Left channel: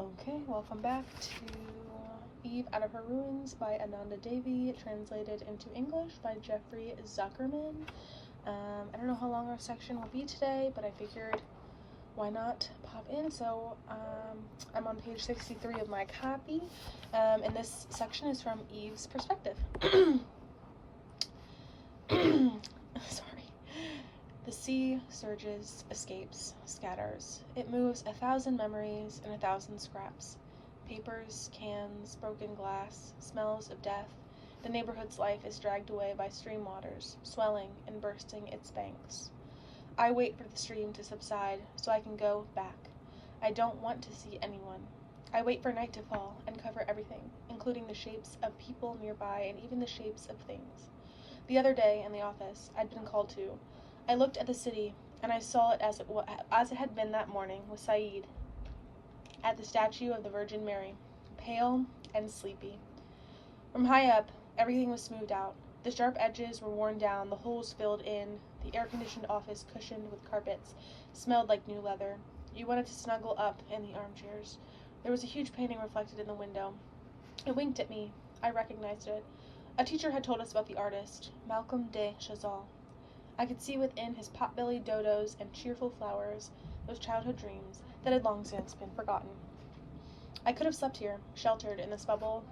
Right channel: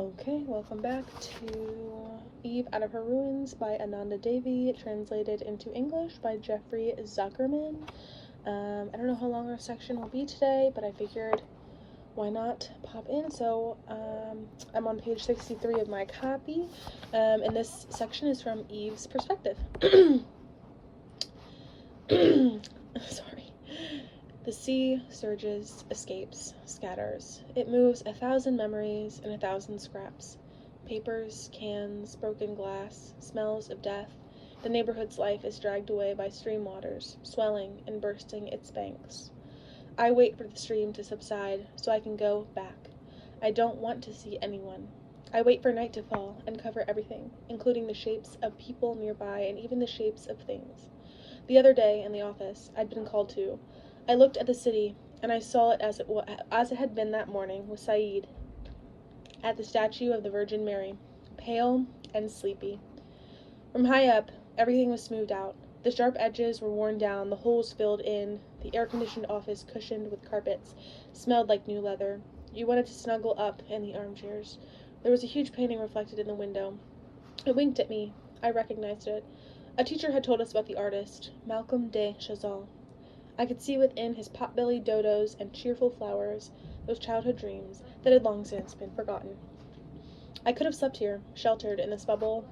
Okay, welcome back to Eve Out of Her Ruins by Ananda Devi, translated into English by Jeffrey Zuckerman. I don't know how long our section will be today, but I figured why not pop in. So I'm on page 63 of my copy, and this section is from Eve's perspective. Sorry. The sea surges, escapes, scatters. It moves 1,000 memories and 1,000 scraps. Papers, cans, broken glass, smells of death. The neighborhood's life is dragged away by stream waters, swelling and bursting its banks. I wait for the stream to subside so I can go back. I don't want to see anyone. I wait for night to fall and cover everything, including the shapes of people nearby and even the shapes of things. The other day in the office, I'd been called to. I looked at the city, and I saw it as it had been that morning with Saeed, at the statue of the Virgin Mary, pale and sleepy. From high up, everything was smoothed out. The sharp edges were worn down, the holes filled in. The air-conditioned office, cushioned with carpets, smelled like new leather. You wanted to snuggle up in the armchairs. There was a huge painting reflected in the window. It winked at me. I recognized it. A teacher had told us about the artist, Malcolm de Chazal. I could see within his pot-bellied dodos and cheerful flowers those childhood dreams that had long since been forgotten. I could have slept here, sheltered in this bubble,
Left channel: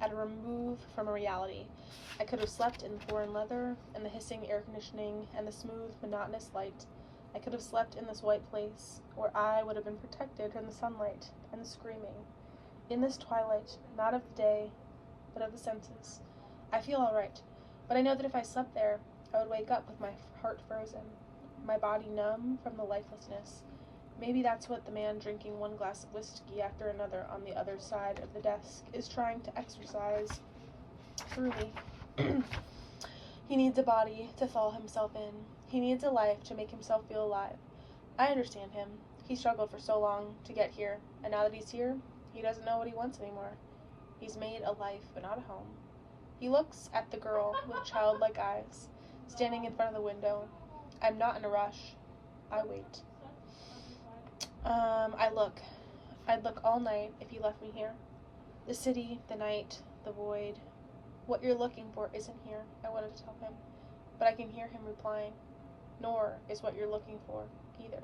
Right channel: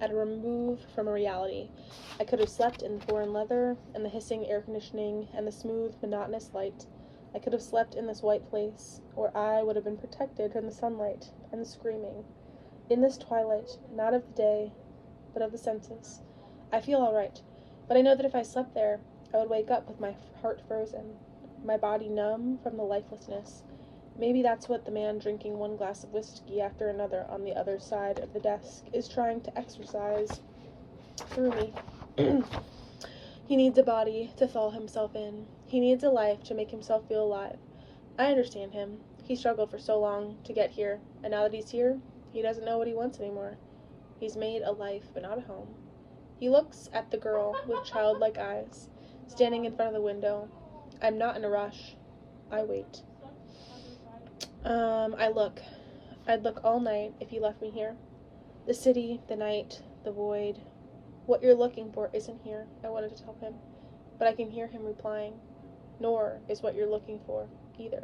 at a remove from a reality. I could have slept in the foreign leather, and the hissing air conditioning, and the smooth, monotonous light. I could have slept in this white place, where I would have been protected from the sunlight and the screaming. In this twilight, not of the day, but of the senses. I feel all right, but I know that if I slept there, I would wake up with my heart frozen, my body numb from the lifelessness. Maybe that's what the man drinking one glass of whiskey after another on the other side of the desk is trying to exercise through me. He needs a body to thaw himself in. He needs a life to make himself feel alive. I understand him. He struggled for so long to get here, and now that he's here, he doesn't know what he wants anymore. He's made a life, but not a home. He looks at the girl with childlike eyes, standing in front of the window. I'm not in a rush. I wait. I'd look all night if you left me here. The city, the night, the void. What you're looking for isn't here, I wanted to tell him. But I can hear him replying. Nor is what you're looking for either.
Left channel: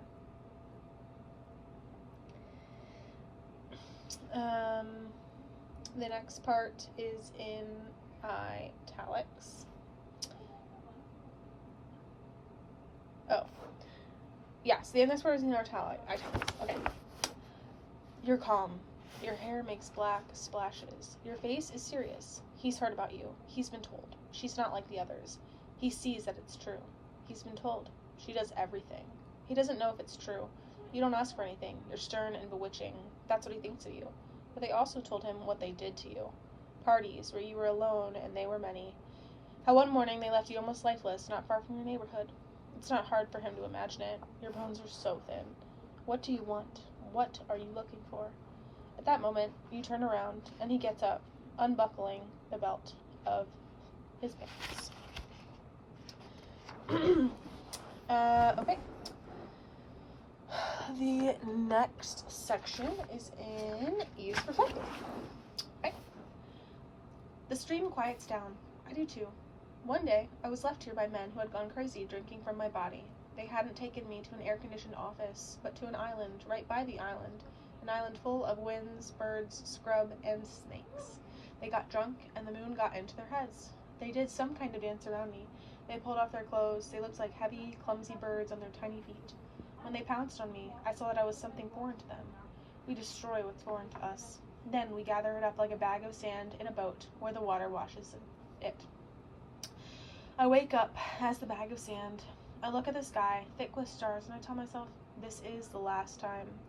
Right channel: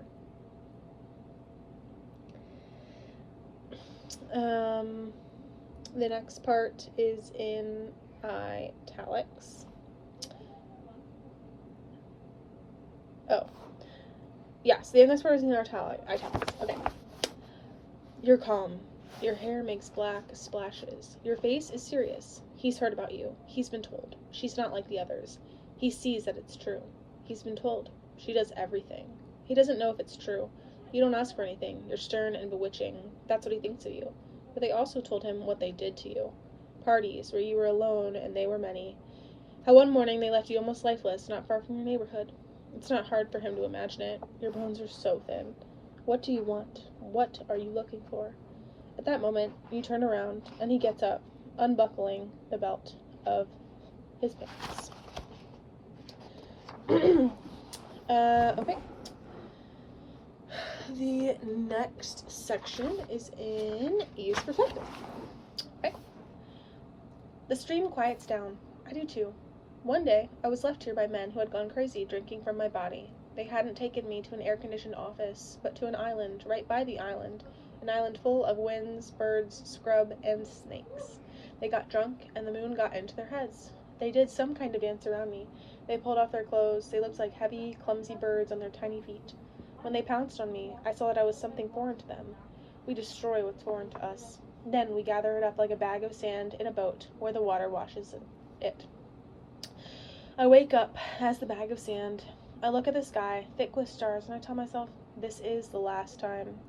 The next part is in italics. Oh. Yes, the next part is in italics. Okay. You're calm. Your hair makes black splashes. Your face is serious. He's heard about you. He's been told. She's not like the others. He sees that it's true. He's been told. She does everything. He doesn't know if it's true. You don't ask for anything. You're stern and bewitching. That's what he thinks of you. But they also told him what they did to you. Parties where you were alone and they were many. How one morning they left you almost lifeless, not far from your neighborhood. It's not hard for him to imagine it. Your bones are so thin. What do you want? What are you looking for? At that moment, you turn around, and he gets up, unbuckling the belt of his pants. Okay. The next section is in Eve's perspective. Okay. The stream quiets down. I do too. One day, I was left here by men who had gone crazy drinking from my body. They hadn't taken me to an air-conditioned office, but to an island right by the island, an island full of winds, birds, scrub, and snakes. They got drunk, and the moon got into their heads. They did some kind of dance around me. They pulled off their clothes. They looked like heavy, clumsy birds on their tiny feet. When they pounced on me, I saw that I was something foreign to them. We destroy what's foreign to us. Then we gather it up like a bag of sand in a boat where the water washes it. I wake up as the bag of sand. I look at the sky, thick with stars, and I tell myself, this is the last time.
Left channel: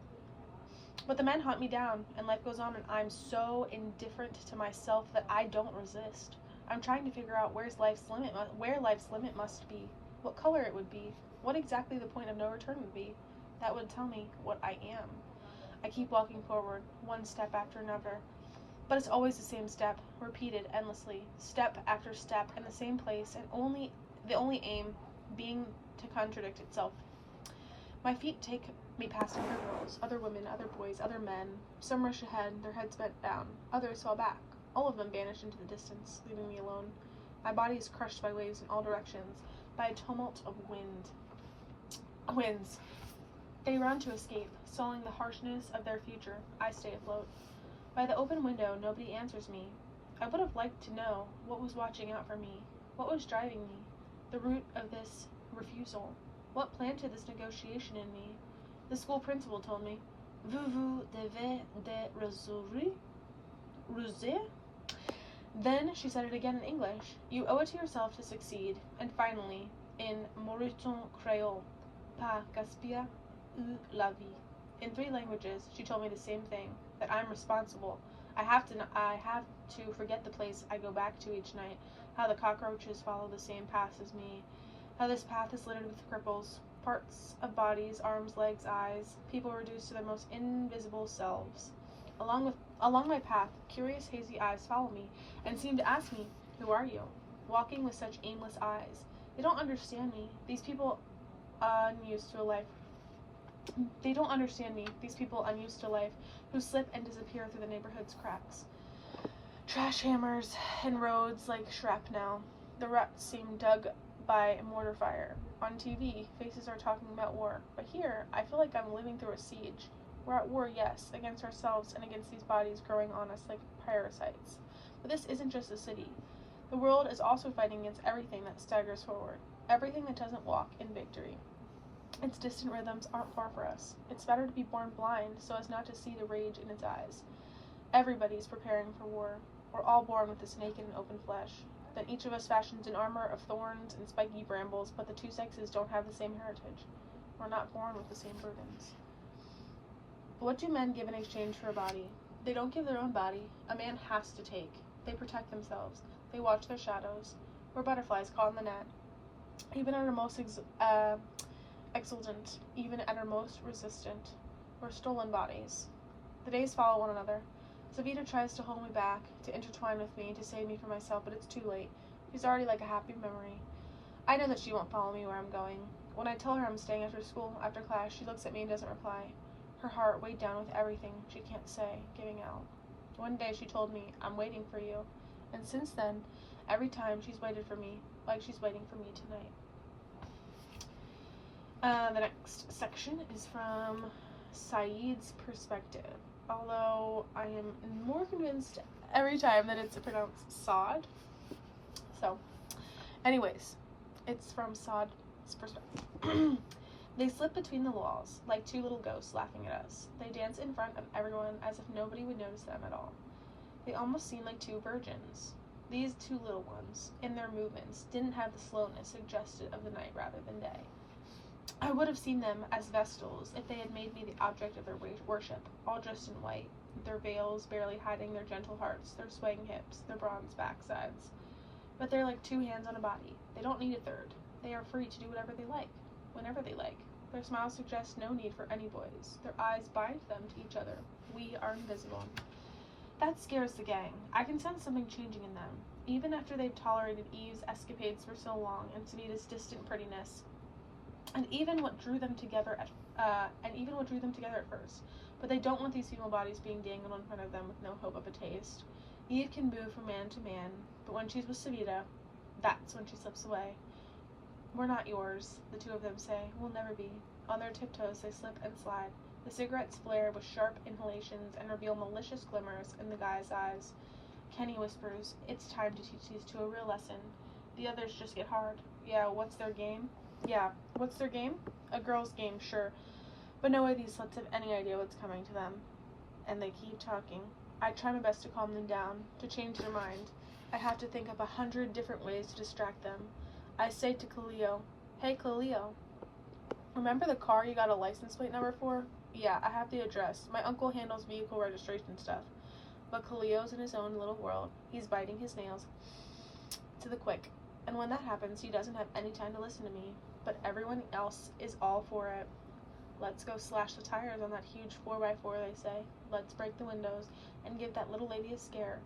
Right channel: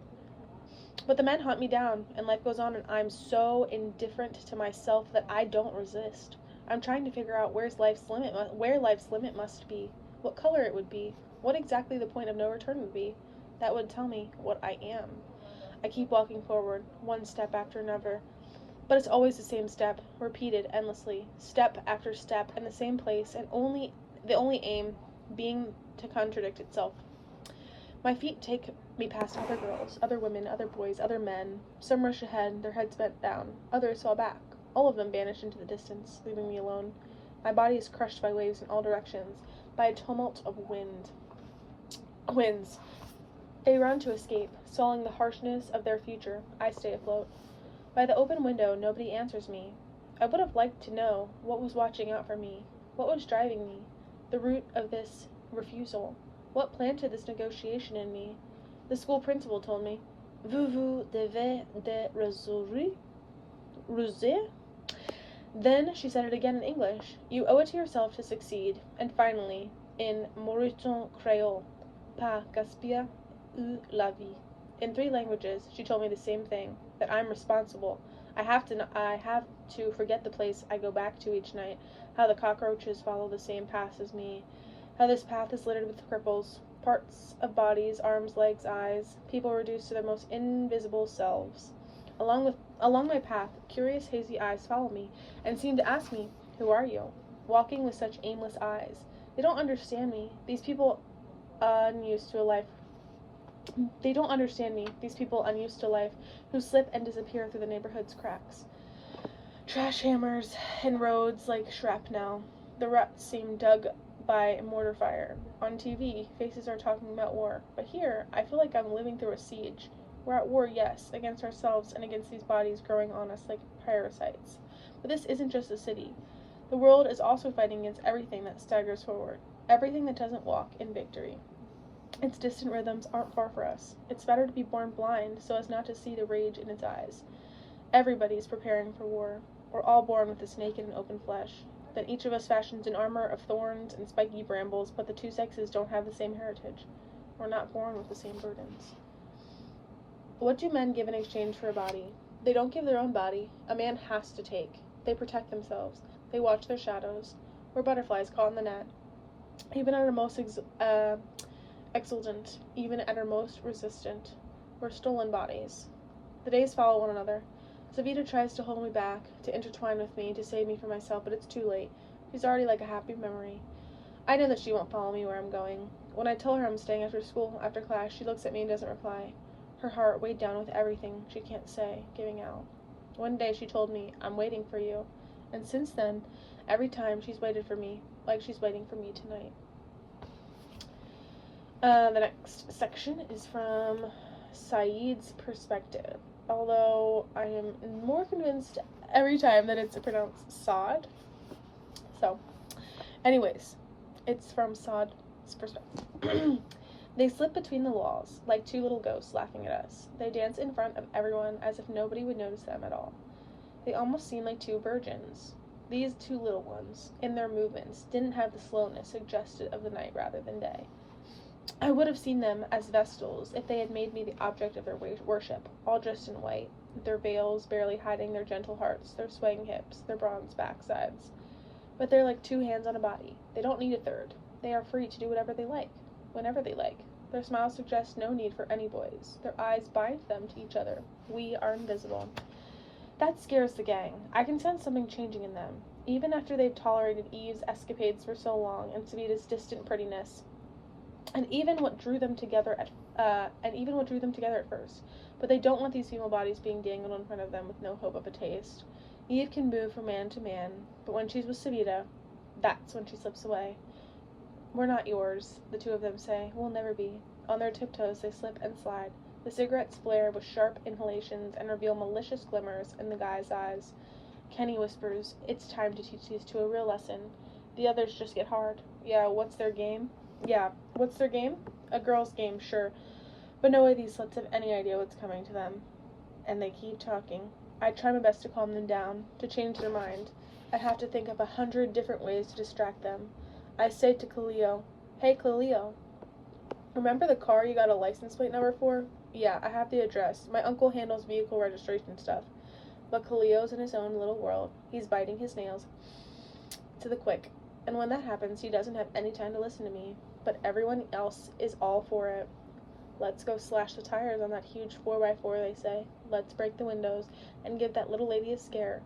But the men hunt me down, and life goes on, and I'm so indifferent to myself that I don't resist. I'm trying to figure out where life's limit must be, what color it would be, what exactly the point of no return would be. That would tell me what I am. I keep walking forward, one step after another. But it's always the same step, repeated endlessly, step after step, in the same place, and the only aim being to contradict itself. My feet take We passed other girls, other women, other boys, other men. Some rushed ahead, their heads bent down. Others fell back. All of them vanished into the distance, leaving me alone. My body is crushed by waves in all directions, by a tumult of winds. They run to escape, swallowing the harshness of their future. I stay afloat. By the open window, nobody answers me. I would have liked to know what was watching out for me, what was driving me, the root of this refusal, what planted this negotiation in me. The school principal told me, "Vous devez de ruser?" Then she said it again in English. "You owe it to yourself to succeed." And finally, in Mauriton Creole, "Pas gaspiller la vie." In 3 languages, she told me the same thing, that I'm responsible. I have to forget the place I go back to each night, how the cockroaches follow the same path as me, how this path is littered with cripples, parts of bodies, arms, legs, eyes, people reduced to their most invisible selves. Along my path, curious hazy eyes follow me, and seem to ask me, "Who are you?" Walking with such aimless eyes. They don't understand me, these people unused to life, who slip and disappear through the neighborhood's cracks. Trash hammers in roads like shrapnel. The ruts seem dug by mortar fire. On TV, faces are talking about war, but here, I feel like I'm living through a siege. We're at war, yes, against ourselves and against these bodies growing on us like parasites. But this isn't just a city. The world is also fighting against everything that staggers forward, everything that doesn't walk in victory. Its distant rhythms aren't far for us. It's better to be born blind so as not to see the rage in its eyes. Everybody's preparing for war. We're all born with this naked and open flesh. Then each of us fashions an armor of thorns and spiky brambles, but the 2 sexes don't have the same heritage. We're not born with the same burdens. What do men give in exchange for a body? They don't give their own body. A man has to take. They protect themselves. They watch their shadows. We're butterflies caught in the net. Even at our most exultant, even at our most resistant, we're stolen bodies. The days follow one another. Savita tries to hold me back, to intertwine with me, to save me from myself, but it's too late. She's already like a happy memory. I know that she won't follow me where I'm going. When I tell her I'm staying after school, after class, she looks at me and doesn't reply. Her heart weighed down with everything she can't say, giving out. One day she told me, "I'm waiting for you." And since then, every time she's waited for me, like she's waiting for me tonight. The next section is from Saeed's perspective, although I am more convinced every time that it's pronounced Saad. So, anyways, it's from Saad's perspective. They slip between the walls, like 2 little ghosts laughing at us. They dance in front of everyone as if nobody would notice them at all. They almost seem like 2 virgins. These 2 little ones, in their movements, didn't have the slowness suggested of the night rather than day. I would have seen them as Vestals if they had made me the object of their worship, all dressed in white, their veils barely hiding their gentle hearts, their swaying hips, their bronze backsides. But they're like 2 hands on a body. They don't need a third. They are free to do whatever they like, whenever they like. Their smiles suggest no need for any boys. Their eyes bind them to each other. We are invisible. That scares the gang. I can sense something changing in them, even after they've tolerated Eve's escapades for so long and Savita's distant prettiness. And even what drew them together at first. But they don't want these female bodies being dangled in front of them with no hope of a taste. Eve can move from man to man, but when she's with Savita, that's when she slips away. "We're not yours," the 2 of them say. "We'll never be." On their tiptoes they slip and slide. The cigarettes flare with sharp inhalations and reveal malicious glimmers in the guy's eyes. Kenny whispers, "It's time to teach these 2 a real lesson." The others just get hard. What's their game? A girl's game, sure. But no way these sluts have any idea what's coming to them. And they keep talking. I try my best to calm them down, to change their mind. I have to think of 100 different ways to distract them. I say to Khalil, "Hey, Khalil, remember the car you got a license plate number for?" "Yeah, I have the address. My uncle handles vehicle registration stuff." But Khalil's in his own little world. He's biting his nails to the quick. And when that happens, he doesn't have any time to listen to me. But everyone else is all for it. "Let's go slash the tires on that huge 4x4, they say. "Let's break the windows and give that little lady a scare."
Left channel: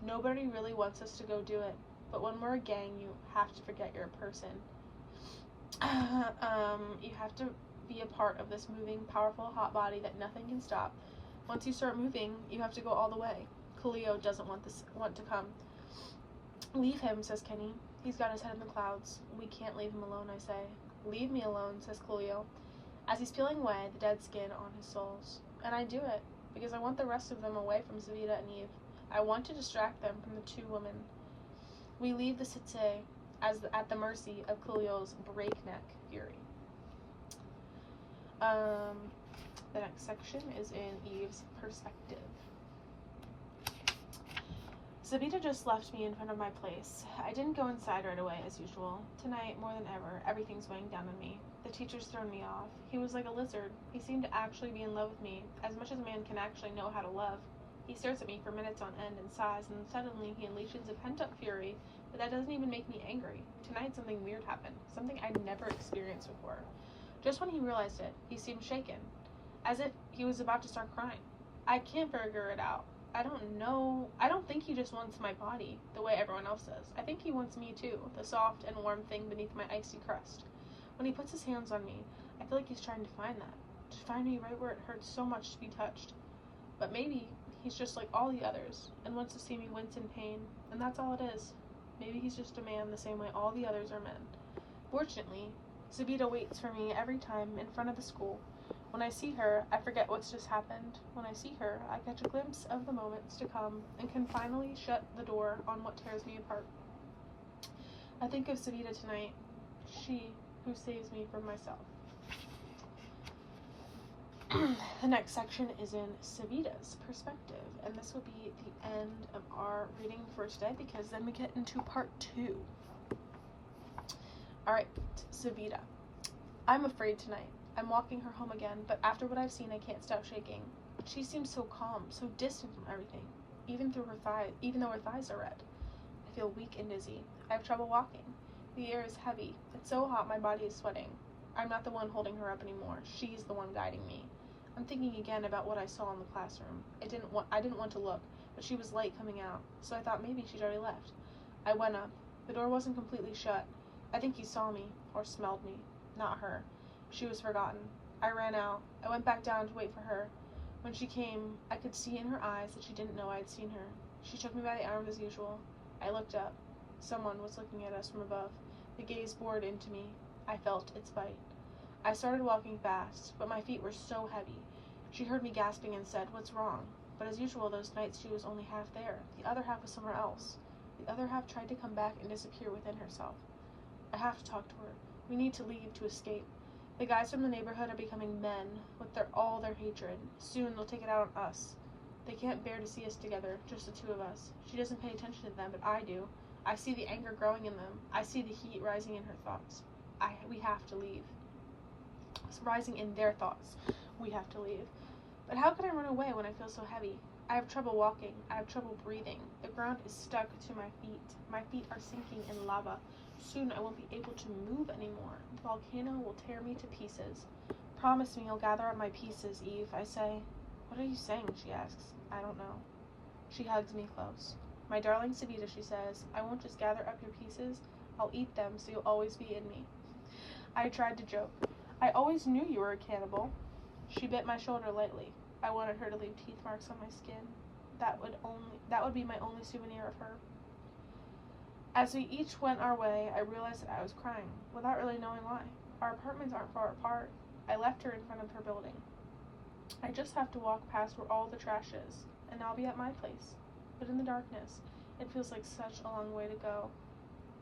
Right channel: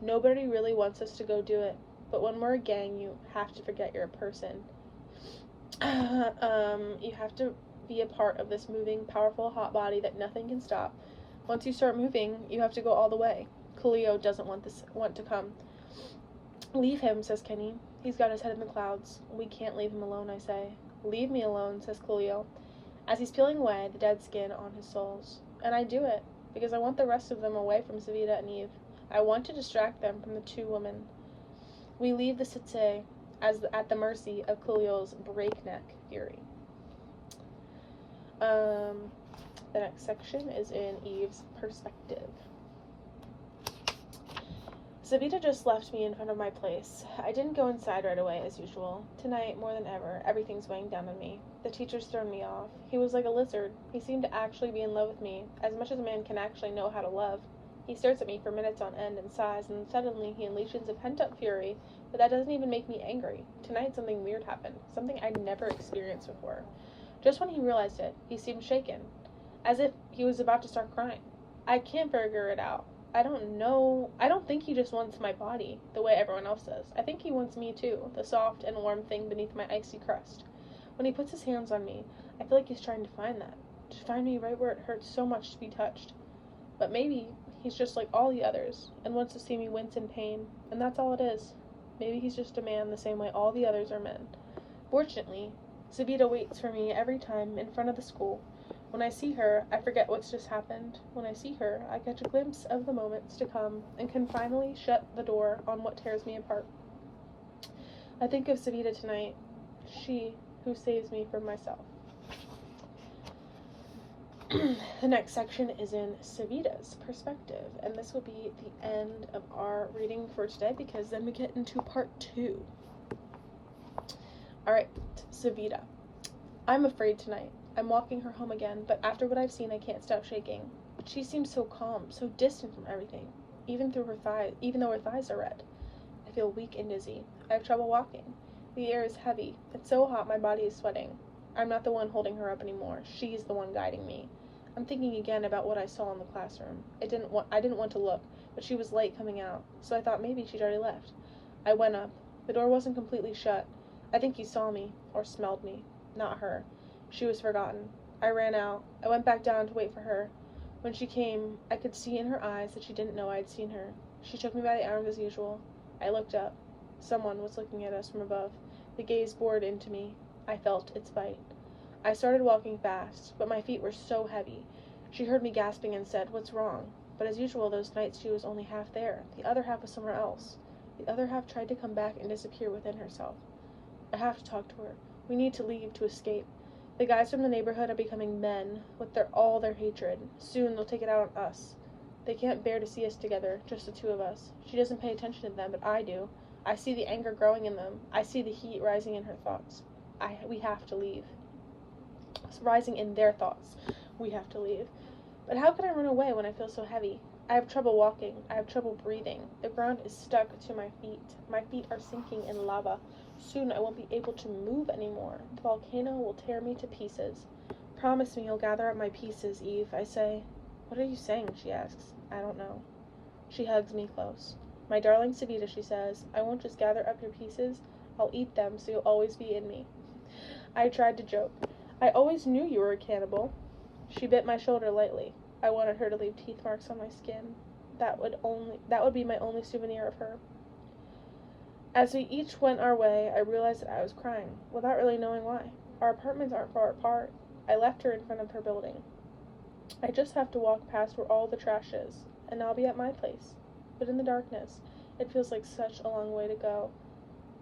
Nobody really wants us to go do it. But when we're a gang, you have to forget you're a person. You have to be a part of this moving, powerful, hot body that nothing can stop. Once you start moving, you have to go all the way. Coolio doesn't want to come. Leave him, says Kenny. He's got his head in the clouds. We can't leave him alone, I say. Leave me alone, says Coolio, as he's peeling away the dead skin on his soles. And I do it, because I want the rest of them away from Savita and Eve. I want to distract them from the two women. We leave the cité at the mercy of Coolio's breakneck fury. The next section is in Eve's perspective. Savita just left me in front of my place. I didn't go inside right away, as usual. Tonight, more than ever, everything's weighing down on me. The teacher's thrown me off. He was like a lizard. He seemed to actually be in love with me, as much as a man can actually know how to love. He stares at me for minutes on end and sighs, and suddenly he unleashes a pent-up fury, but that doesn't even make me angry. Tonight, something weird happened, something I'd never experienced before. Just when he realized it, he seemed shaken, as if he was about to start crying. I can't figure it out. I don't think he just wants my body, the way everyone else does. I think he wants me too, the soft and warm thing beneath my icy crust. When he puts his hands on me, I feel like he's trying to find that, to find me right where it hurts so much to be touched. But maybe he's just like all the others, and wants to see me wince in pain, and that's all it is. Maybe he's just a man the same way all the others are men. Fortunately, Savita waits for me every time in front of the school. When I see her, I forget what's just happened. When I see her, I catch a glimpse of the moments to come and can finally shut the door on what tears me apart. I think of Savita tonight, she who saves me from myself. The next section is in Savita's perspective, and this will be the end of our reading for today because then we get into part 2. Alright, Savita. I'm afraid tonight. I'm walking her home again, but after what I've seen, I can't stop shaking. She seems so calm, so distant from everything, even though her thighs are red. I feel weak and dizzy. I have trouble walking. The air is heavy. It's so hot my body is sweating. I'm not the one holding her up anymore. She's the one guiding me. I'm thinking again about what I saw in the classroom. I didn't want to look, but she was late coming out, so I thought maybe she'd already left. I went up. The door wasn't completely shut. I think he saw me, or smelled me. Not her. She was forgotten. I ran out. I went back down to wait for her. When she came, I could see in her eyes that she didn't know I'd seen her. She took me by the arm as usual. I looked up. Someone was looking at us from above. The gaze bored into me. I felt its bite. I started walking fast, but my feet were so heavy. She heard me gasping and said, "What's wrong?" But as usual, those nights she was only half there. The other half was somewhere else. The other half tried to come back and disappear within herself. I have to talk to her. We need to leave to escape. The guys from the neighborhood are becoming men, with all their hatred. Soon they'll take it out on us. They can't bear to see us together, just the two of us. She doesn't pay attention to them, but I do. I see the anger growing in them. I see the heat rising in her thoughts. We have to leave. It's rising in their thoughts. We have to leave. But how can I run away when I feel so heavy? I have trouble walking. I have trouble breathing. The ground is stuck to my feet. My feet are sinking in lava. Soon I won't be able to move anymore. The volcano will tear me to pieces. Promise me you'll gather up my pieces, Eve, I say. What are you saying, she asks. I don't know. She hugs me close. My darling Savita, she says, I won't just gather up your pieces. I'll eat them so you'll always be in me. I tried to joke. I always knew you were a cannibal. She bit my shoulder lightly. I wanted her to leave teeth marks on my skin. That would be my only souvenir of her. As we each went our way, I realized that I was crying, without really knowing why. Our apartments aren't far apart. I left her in front of her building. I just have to walk past where all the trash is, and I'll be at my place. But in the darkness, it feels like such a long way to go,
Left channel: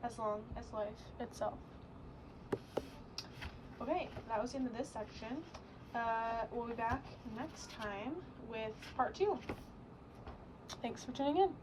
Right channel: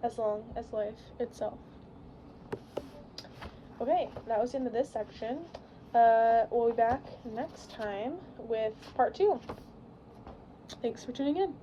as long as life itself. Okay, that was the end of this section. We'll be back next time with part 2. Thanks for tuning in.